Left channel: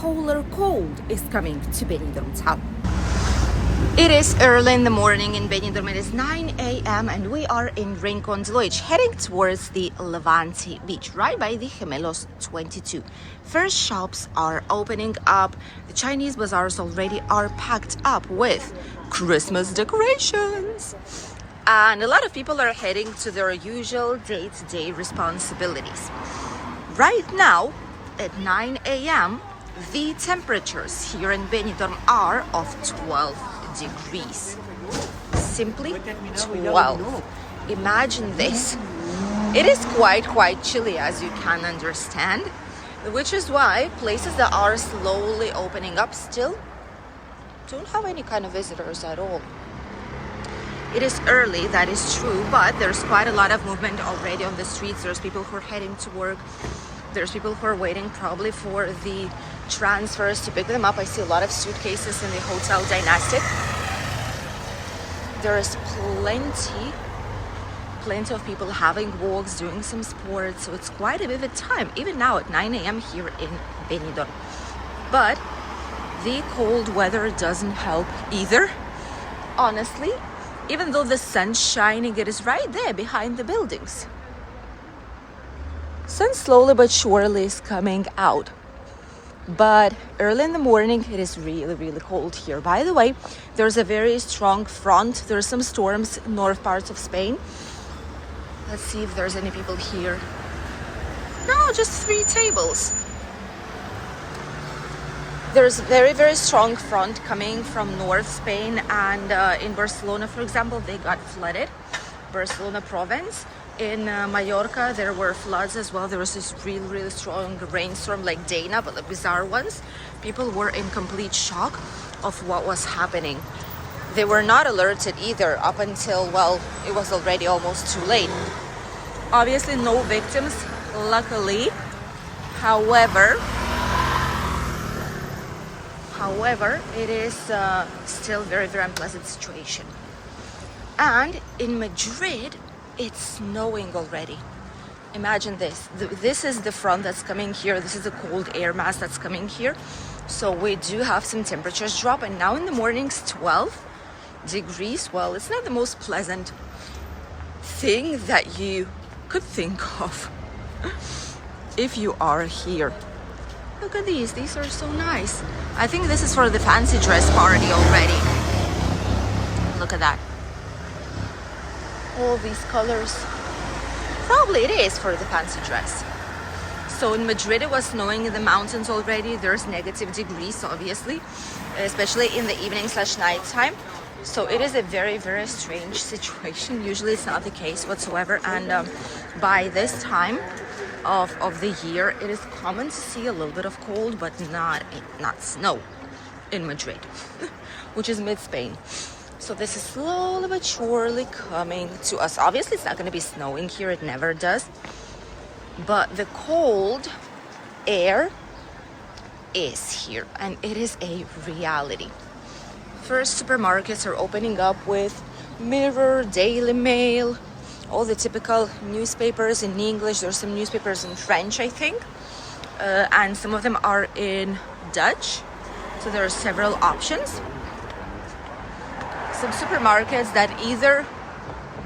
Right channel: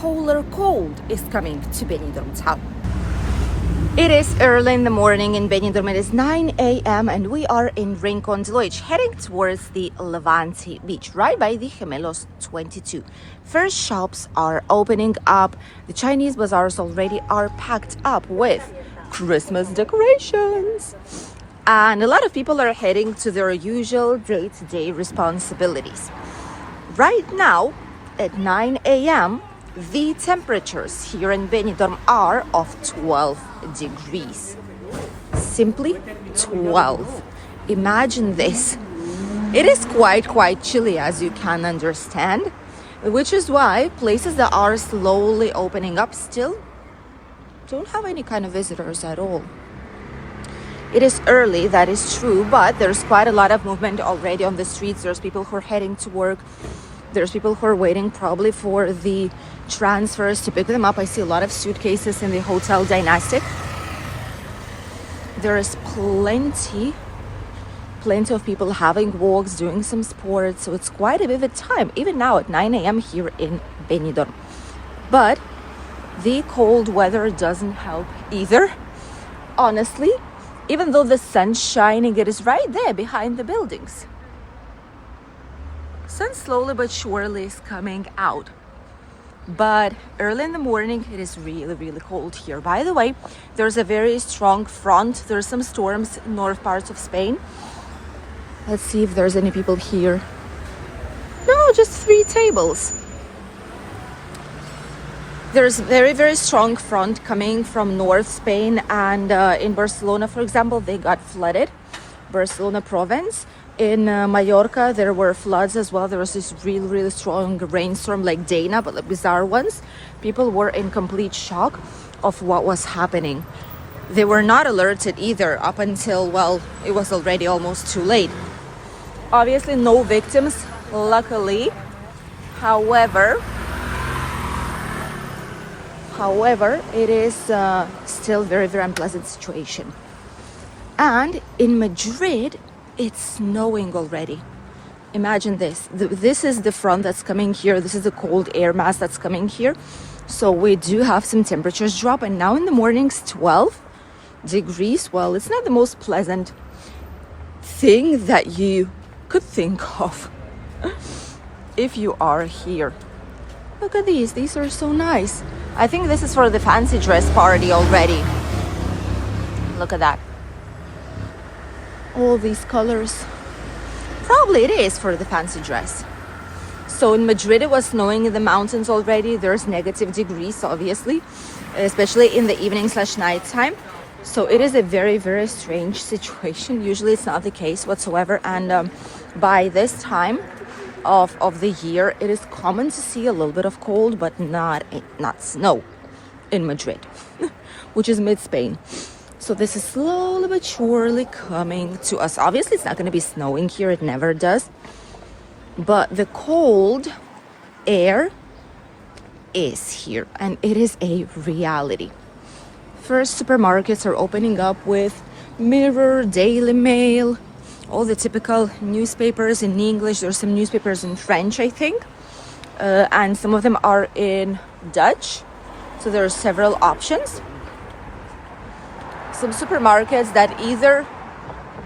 polar cold is coming to Benidorm town. It is early in the morning in Benidorm. It is 9 a.m. and we are in Rincon de Loix, heading towards the Levante beach, right by the Gemelos 22. First shops are opening up. The Chinese bazaars already are packed up with Christmas decorations. And a lot of people are heading to their usual day-to-day responsibilities. Right now, at 9 a.m., the temperatures here in Benidorm are of 12 degrees. Simply 12. Imagine this. It is quite chilly, as you can understand, which is why places that are slowly opening up still don't have any kind of visitors at all. It is early, that is true, but there's quite a lot of movement already on the streets. There's people who are heading to work. There's people who are waiting probably for the transfers to pick them up. I see a lot of suitcases in the Hotel Dynastic. There's plenty of people having walks, doing some sports. So it's quite a vivid time, even now at 9 a.m. here in Benidorm. But the cold weather doesn't help either, honestly. Even though the sun's shining, it is right there behind the buildings. Sun slowly but surely is coming out. But early in the morning, it is really cold here. By the way, there's a very strong front. There's some storms in north parts of Spain. Let's see if there's any people here. No, just 3 tables. There's very strong front coming from North Spain, and in Barcelona, for example, they got flooded. Barcelona province. In Mallorca, there were floods as well. There was this really strong rainstorm like Dana, but the bizarre ones. People were in complete shock of what was happening. They were not alerted either up until, well, it was already almost too late. Obviously, no victims, luckily. However, it is still very unpleasant situation. And in Madrid, it's snowing already. Imagine this. This is the front that's coming here. This is the cold air mass that's coming here. So we do have some temperatures drop. And now in the mornings, 12 degrees. Well, it's not the most pleasant thing that you could think of if you are here. Look at these. These are so nice. I think this is for the fancy dress party already. Look at that. All these colors. Probably it is for the fancy dress. So in Madrid, it was snowing in the mountains already. There's negative degrees, obviously, especially in the evening/night time. So it is a very strange situation. Usually it's not the case whatsoever. And by this time of the year, it is common to see a little bit of cold, but not snow in Madrid, which is mid-Spain. So this is slowly but surely coming to us. Obviously, it's not going to be snowing here. It never does. But the cold air is here, and it is a reality. First, supermarkets are opening up with Mirror, Daily Mail, all the typical newspapers in English. There's some newspapers in French, I think. And some of them are in Dutch. So there are several options. Some supermarkets that either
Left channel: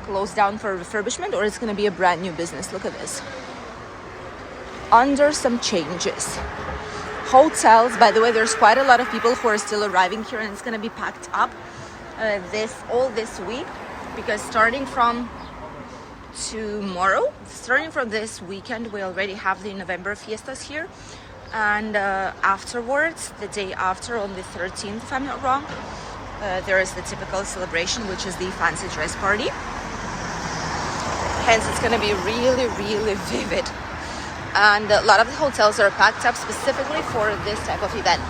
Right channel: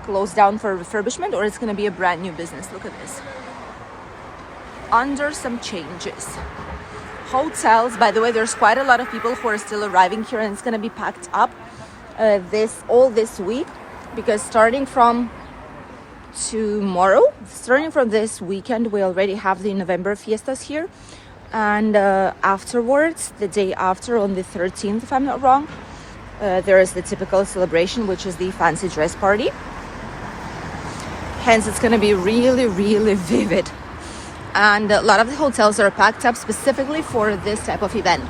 close down for refurbishment or it's going to be a brand new business. Look at this. Under some changes. Hotels, by the way, there's quite a lot of people who are still arriving here, and it's going to be packed up this week, because starting from this weekend, we already have the November fiestas here, and afterwards, the day after, on the 13th, if I'm not wrong, there is the typical celebration, which is the fancy dress party. Hence, it's going to be really vivid. And a lot of the hotels are packed up specifically for this type of event.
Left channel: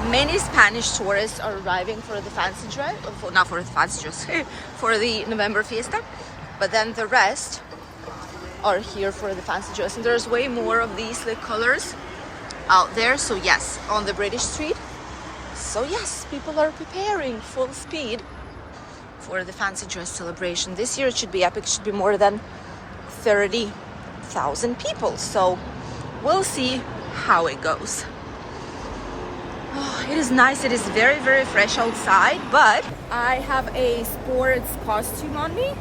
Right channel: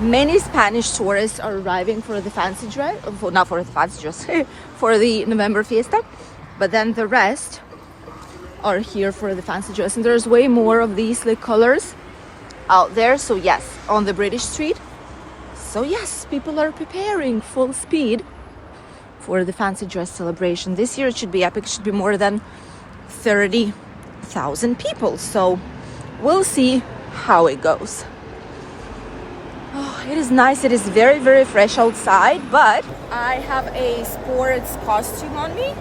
Many Spanish tourists are arriving for the fancy dress, not for the fancy dress, for the November fiesta. But then the rest are here for the fancy dress. And there's way more of these like colors out there. So yes, on the British street. So yes, people are preparing full speed for the fancy dress celebration. This year it should be epic. It should be more than 30,000 people. So we'll see how it goes. Oh, it is nice. It is very, very fresh outside, but I have a sports costume on me.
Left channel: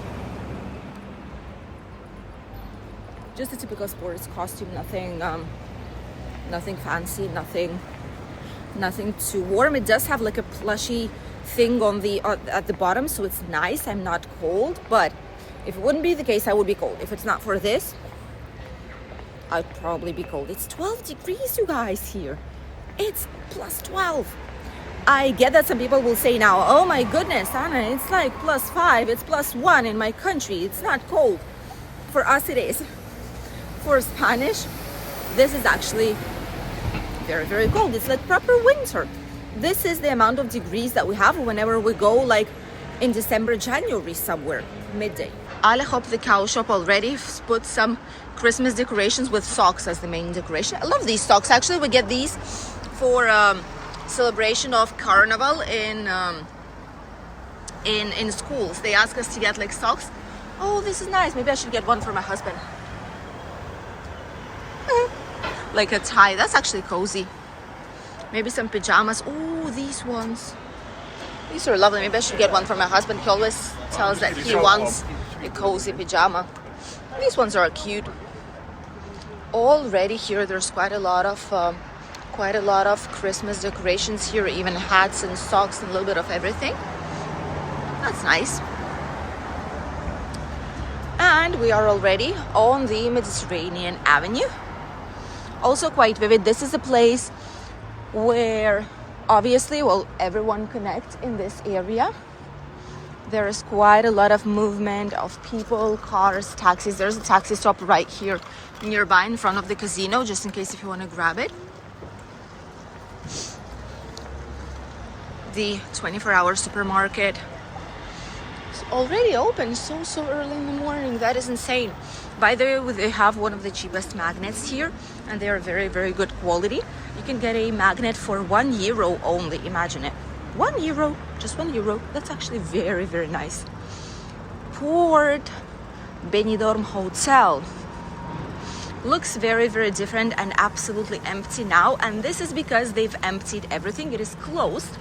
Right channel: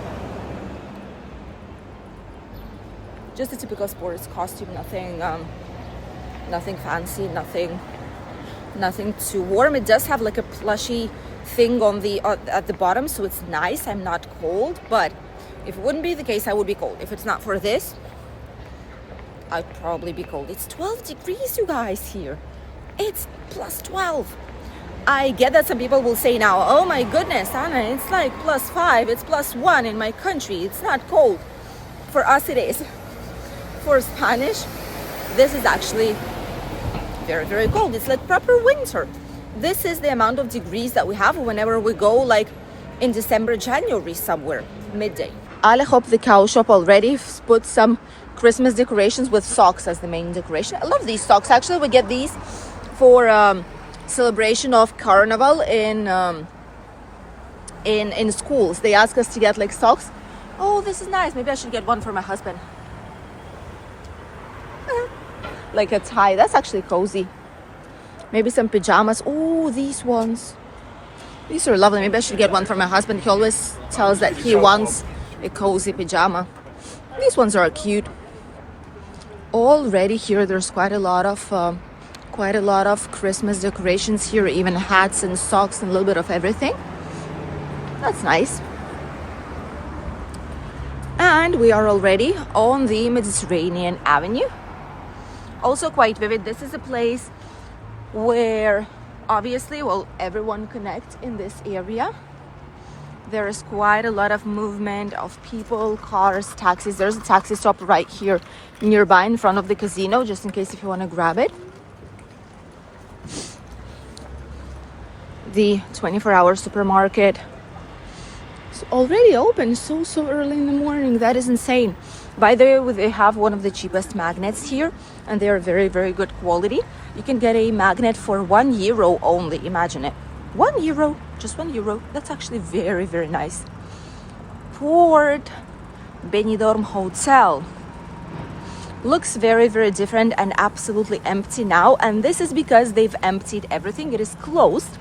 Just a typical sports costume, nothing fancy, nothing too warm. It does have like a plushy thing on the at the bottom, so it's nice. I'm not cold, but if it wouldn't be the case, I would be cold. If it's not for this, I'd probably be cold. It's 12 degrees, you guys, here. It's plus 12. I get that some people will say now, oh my goodness, Anna, it's like plus 5, it's plus 1 in my country. It's not cold. For us, it is. For Spanish, this is actually very, very cold. It's like proper winter. This is the amount of degrees that we have whenever we go like in December, January somewhere, midday. Alejop, the cow shop, already put some Christmas decorations with socks as the main decoration. I love these socks. Actually, we get these for celebration of Carnival in schools. They ask us to get like socks. Oh, this is nice. Maybe I should get one for my husband. Like a tie. That's actually cozy. Maybe some pajamas. Oh, these ones. These are lovely. Maybe I should get one for my husband. He always tells that he wants a cozy pajama. These ones are cute. Already here, there's quite a lot of Christmas decorations here. Even hats and socks and a little bit of everything. That's nice. And we are already on the Mediterranean Avenue. Also quite vivid. This is a place where obviously, well, everyone connects in this area. There is quite a lot of movement of people, cars, taxis. There's a taxi stop right here nearby in front of the casino, just in case if you want to grab it. The 24-hour supermarket is already open so early in the morning. That is insane. By the way, they have one of the cheapest magnets here, and they are very, very good quality. You can get a magnet for €1 only. Imagine it. €1, just €1. That's actually very, very nice. Port Benidorm Hotel looks very, very different and absolutely empty now. And this is because they've emptied everything. It is closed.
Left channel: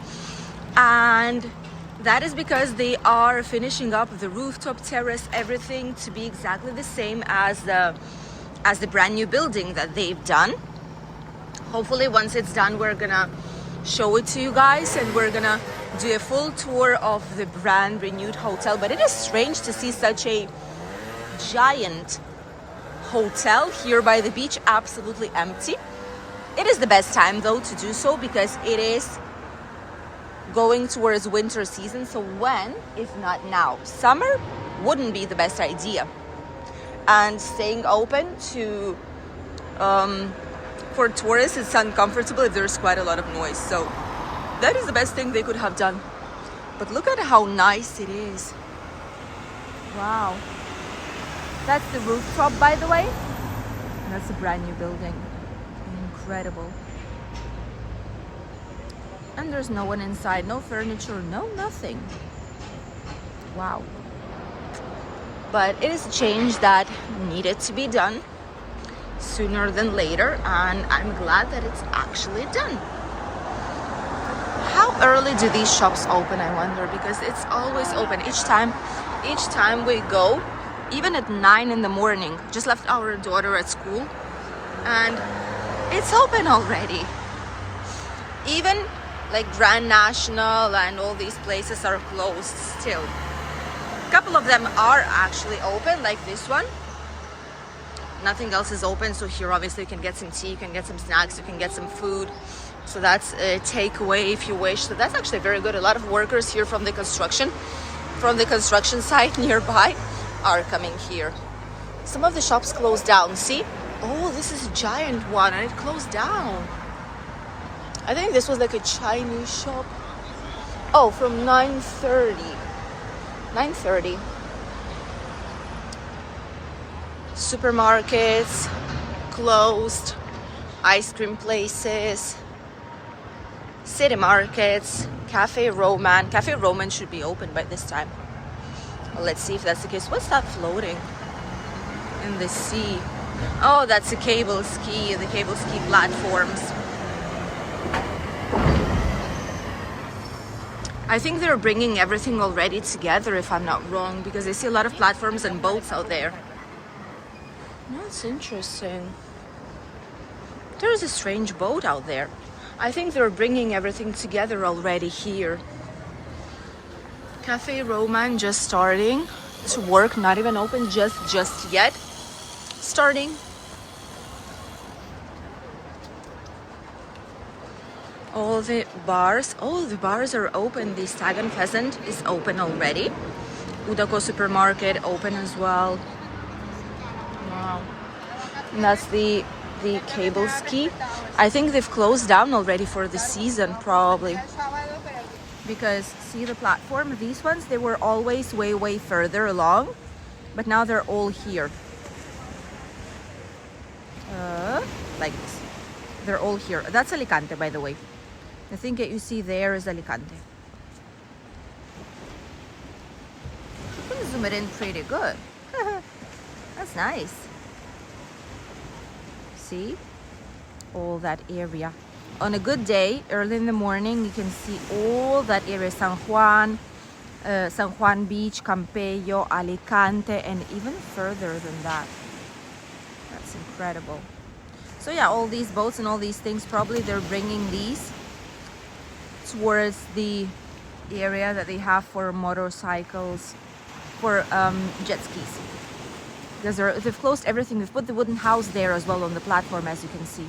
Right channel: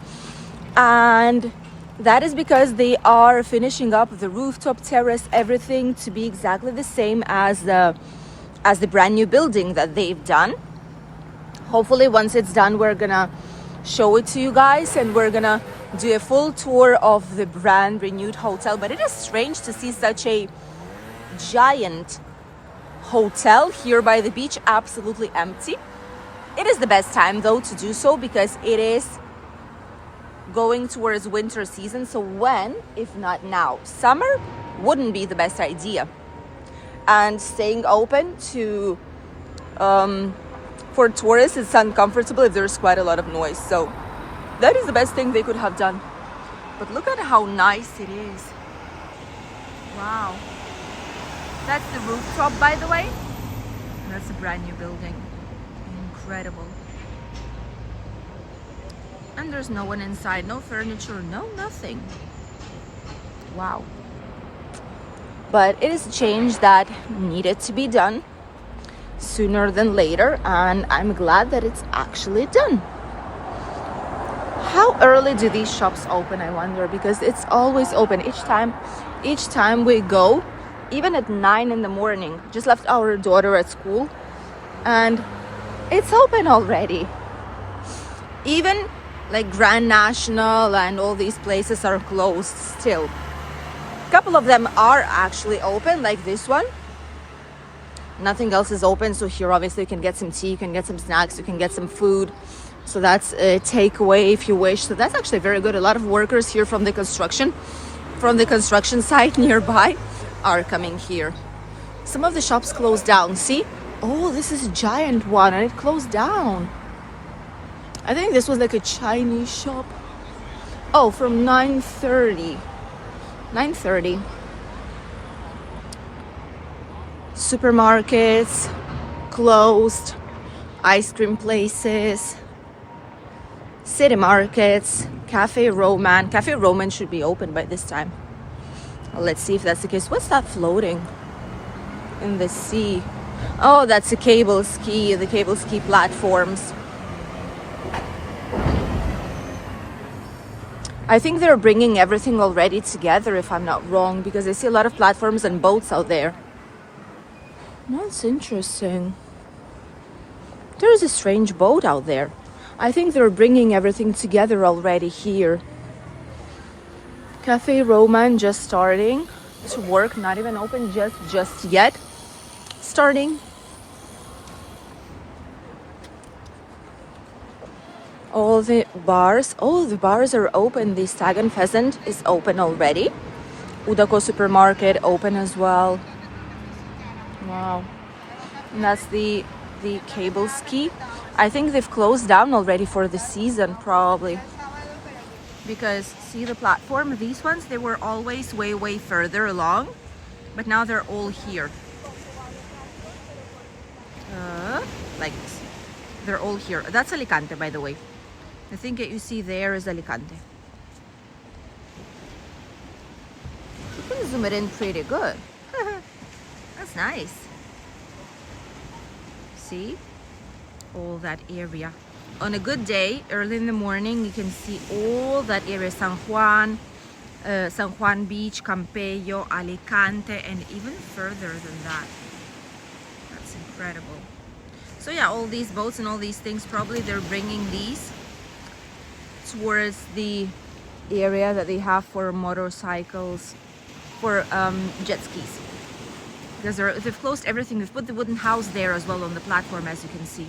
And that is because they are finishing up the rooftop terrace, everything to be exactly the same as the brand new building that they've done. Hopefully, once it's done, we're gonna show it to you guys and we're gonna do a full tour of the brand renewed hotel. But it is strange to see such a giant hotel here by the beach, absolutely empty. It is the best time though to do so because it is going towards winter season. So when, if not now, summer wouldn't be the best idea. And staying open to for tourists, it's uncomfortable if there's quite a lot of noise. So that is the best thing they could have done. But look at how nice it is. Wow. That's the rooftop, by the way. And that's a brand new building. Incredible. And there's no one inside, no furniture, no nothing. Wow. But it is a change that needed to be done sooner than later, and I'm glad that it's actually done. How early do these shops open, I wonder, because it's always open each time we go, even at 9 in the morning. Just left our daughter at school and it's open already. Even like Grand National and all these places are closed still. A couple of them are actually open, like this one. Nothing else is open, so here obviously you can get some tea, you can get some snacks, you can get some food. So that's a takeaway if you wish. So that's actually very good. A lot of workers here from the construction site nearby are coming here. Some of the shops closed down. See? Oh, this is a giant one and it closed down. I think this was like a Chinese shop. Oh, from 9:30. 9:30. Supermarkets closed, ice cream places, city markets, Cafe Roman. Cafe Roman should be open by this time. Let's see if that's the case. What's that floating in the sea? Oh, that's the cable ski platforms. I think they're bringing everything already together, if I'm not wrong, because I see a lot of platforms and boats out there. That's interesting. There's a strange boat out there. I think they're bringing everything together already here. Cafe Roman just starting to work, not even open just yet. Starting. All the bars are open. The Stag and Pheasant is open already. Udako supermarket open as well. Wow. And that's the cable ski. I think they've closed down already for the season, probably. Because see the platform, these ones, they were always way further along, but now they're all here. Like this. They're all here. That's Alicante, by the way. The thing that you see there is Alicante. You can zoom it in pretty good. That's nice. See? All that area. On a good day, early in the morning, you can see all that area. San Juan Beach, Campello, Alicante, and even further than that. That's incredible. So yeah, all these boats and all these things, probably they're bringing these towards the area that they have for motorcycles, for jet skis. Because they've closed everything. They've put the wooden house there as well on the platform, as you can see.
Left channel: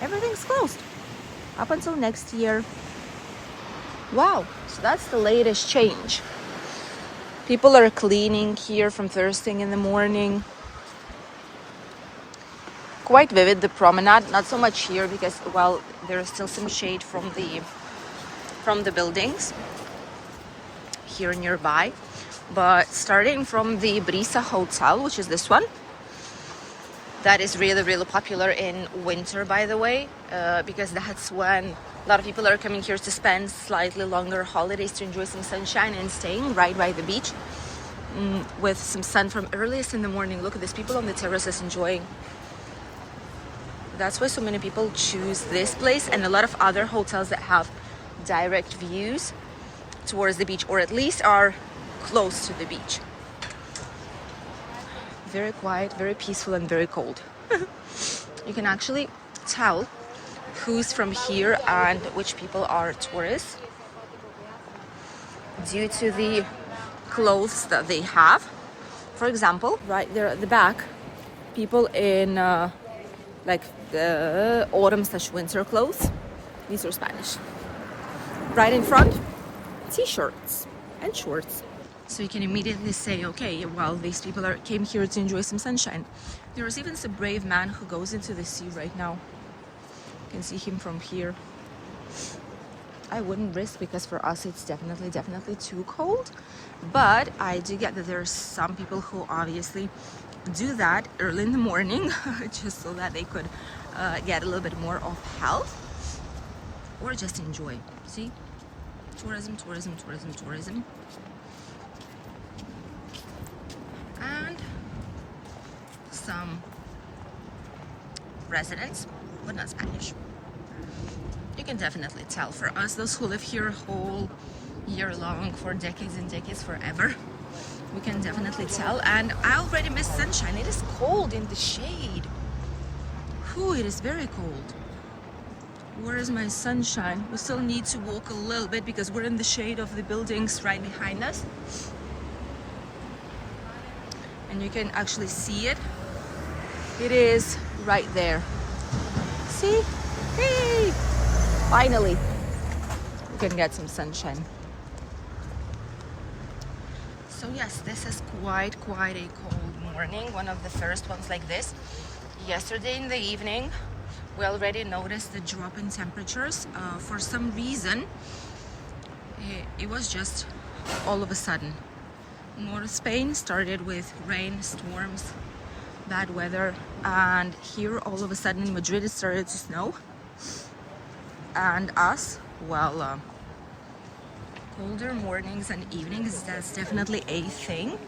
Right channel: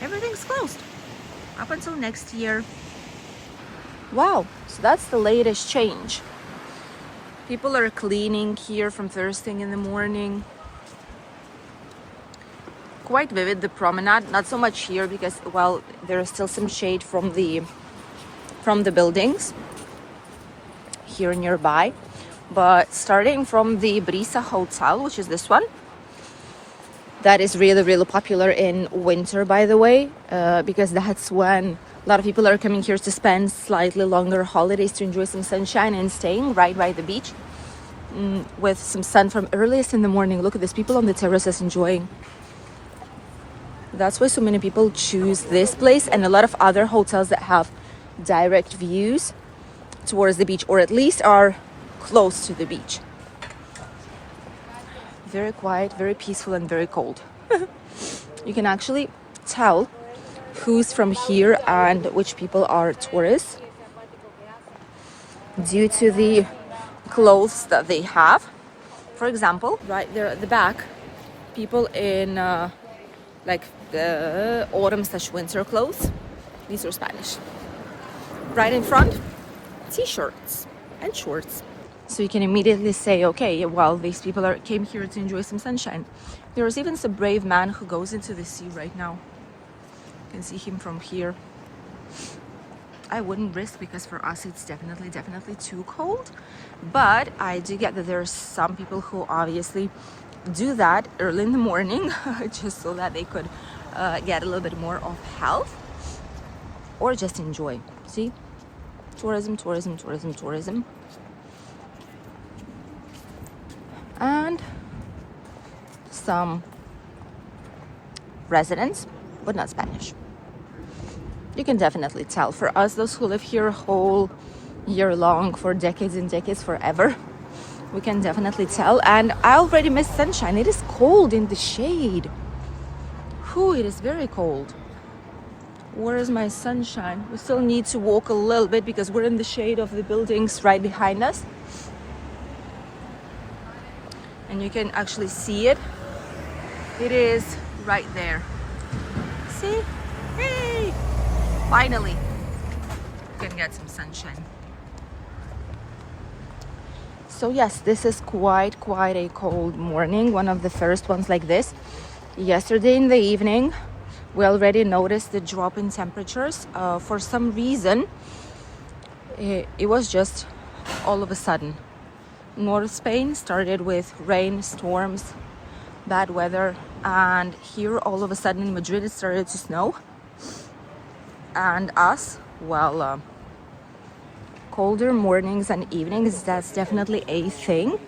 Everything's closed up until next year. Wow, so that's the latest change. People are cleaning here from first thing in the morning. Quite vivid, the promenade. Not so much here because, well, there's still some shade from the buildings here nearby. But starting from the Brisa Hotel, which is this one, that is really popular in winter, by the way, because that's when a lot of people are coming here to spend slightly longer holidays, to enjoy some sunshine and staying right by the beach with some sun from earliest in the morning. Look at this, people on the terraces enjoying. That's why so many people choose this place and a lot of other hotels that have direct views towards the beach, or at least are close to the beach. Very quiet, very peaceful, and very cold. You can actually tell who's from here and which people are tourists due to the clothes that they have. For example, right there at the back, people in like the autumn/winter clothes. These are Spanish. Right in front, t-shirts and shorts. So you can immediately say, okay, well, these people came here to enjoy some sunshine. There's even a brave man who goes into the sea right now. You can see him from here. I wouldn't risk, because for us it's definitely too cold. But I do get that there's some people who obviously do that early in the morning just so that they could get a little bit more of health or just enjoy. See? Tourism. And some residents, but not Spanish. You can definitely tell. For us, those who live here whole year long, for decades and decades, forever, we can definitely tell. And I already miss sunshine. It is cold in the shade. It is very cold. Where is my sunshine? We still need to walk a little bit because we're in the shade of the buildings right behind us. And you can actually see it. It is right there. See? Hey! Finally, you can get some sunshine. So yes, this is quite a cold morning. One of the first ones like this. Yesterday in the evening, we already noticed the drop in temperatures. For some reason, it was just all of a sudden. North Spain started with rain, storms, bad weather, and here all of a sudden in Madrid it started to snow. And us, well, colder mornings and evenings, that's definitely a thing.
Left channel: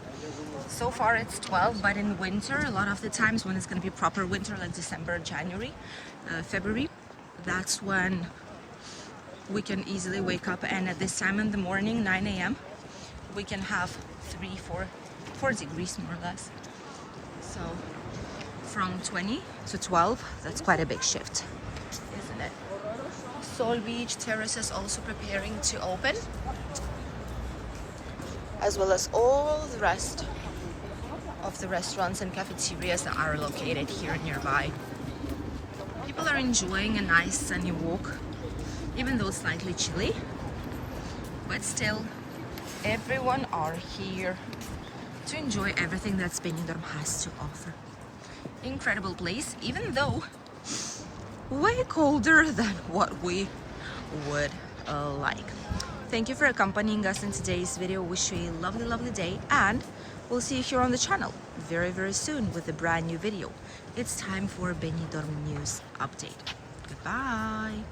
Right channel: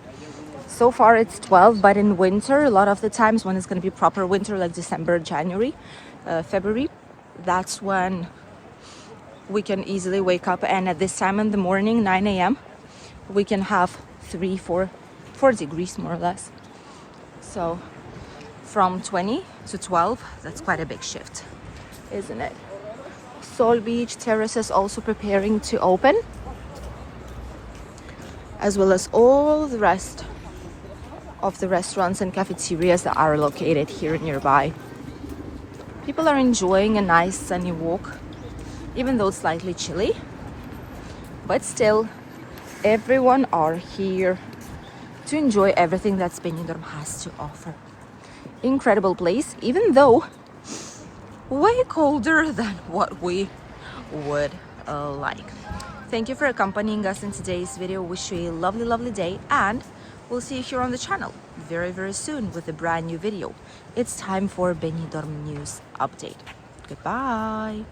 So far it's 12, but in winter, a lot of the times when it's going to be proper winter, like December, January, February, that's when we can easily wake up, and at this time in the morning, 9 a.m., we can have 4 degrees more or less. So from 20 to 12, that's quite a big shift, isn't it? Sol Beach terraces also preparing to open, as well as all the rest of the restaurants and cafeterias that are located here nearby. People are enjoying a nice sunny walk, even though it's slightly chilly, but still everyone are here to enjoy everything that Benidorm has to offer. Incredible place, even though way colder than what we would like. Thank you for accompanying us in today's video. Wish you a lovely day, and we'll see you here on the channel very soon with a brand new video. It's time for Benidorm news update. Goodbye.